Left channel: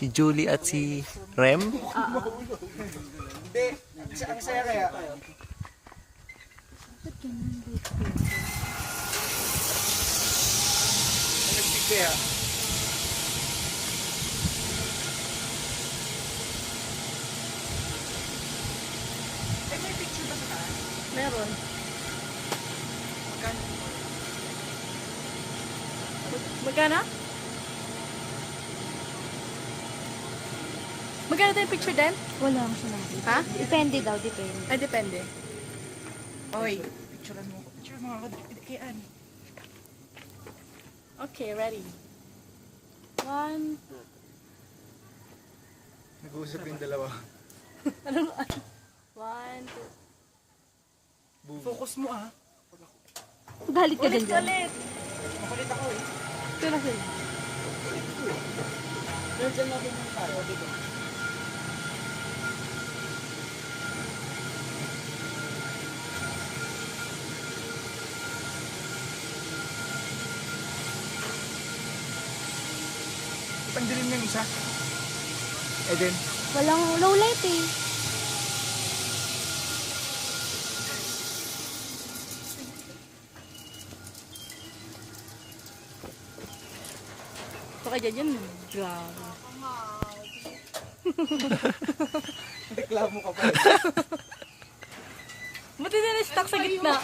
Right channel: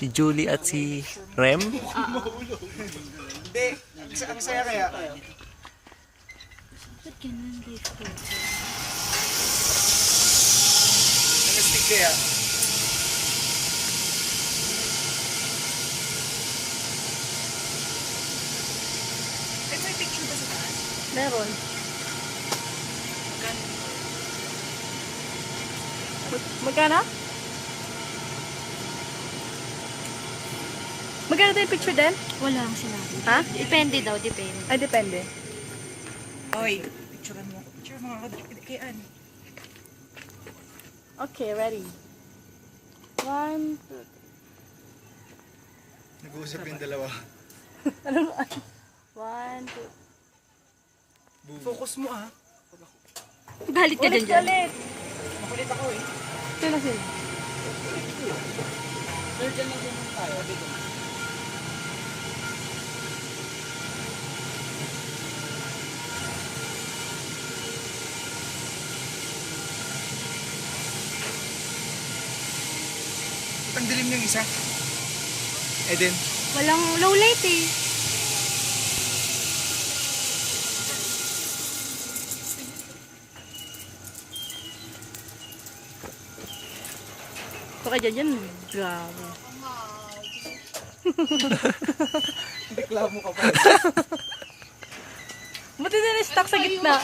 Si Julie at si Rem. Hindi, ang saya kaya. Ba't ganun dito? Ang stick kaya. May picture ba sa taas? Meron. Magkano? Magkano tayo picture din? Wala ang sinabi. Ha? Depende daw, depende. Ay, depende. Oy, picturean mo ako. Picture mo ako. Kay Ann. Okay, ready. 1, 2. Nag-uusap yung dalawa. Anong 1, 2. Focus mo ah. Galit ka din dyan. Makulit ako eh. Sino sino? Diyan na din tayo. Dito. Ang dilim ng isa. Eden. Walang low light eh. Baka dyan. Grabe. Reklamo ka pa. Buti na na-stuck sa gitna.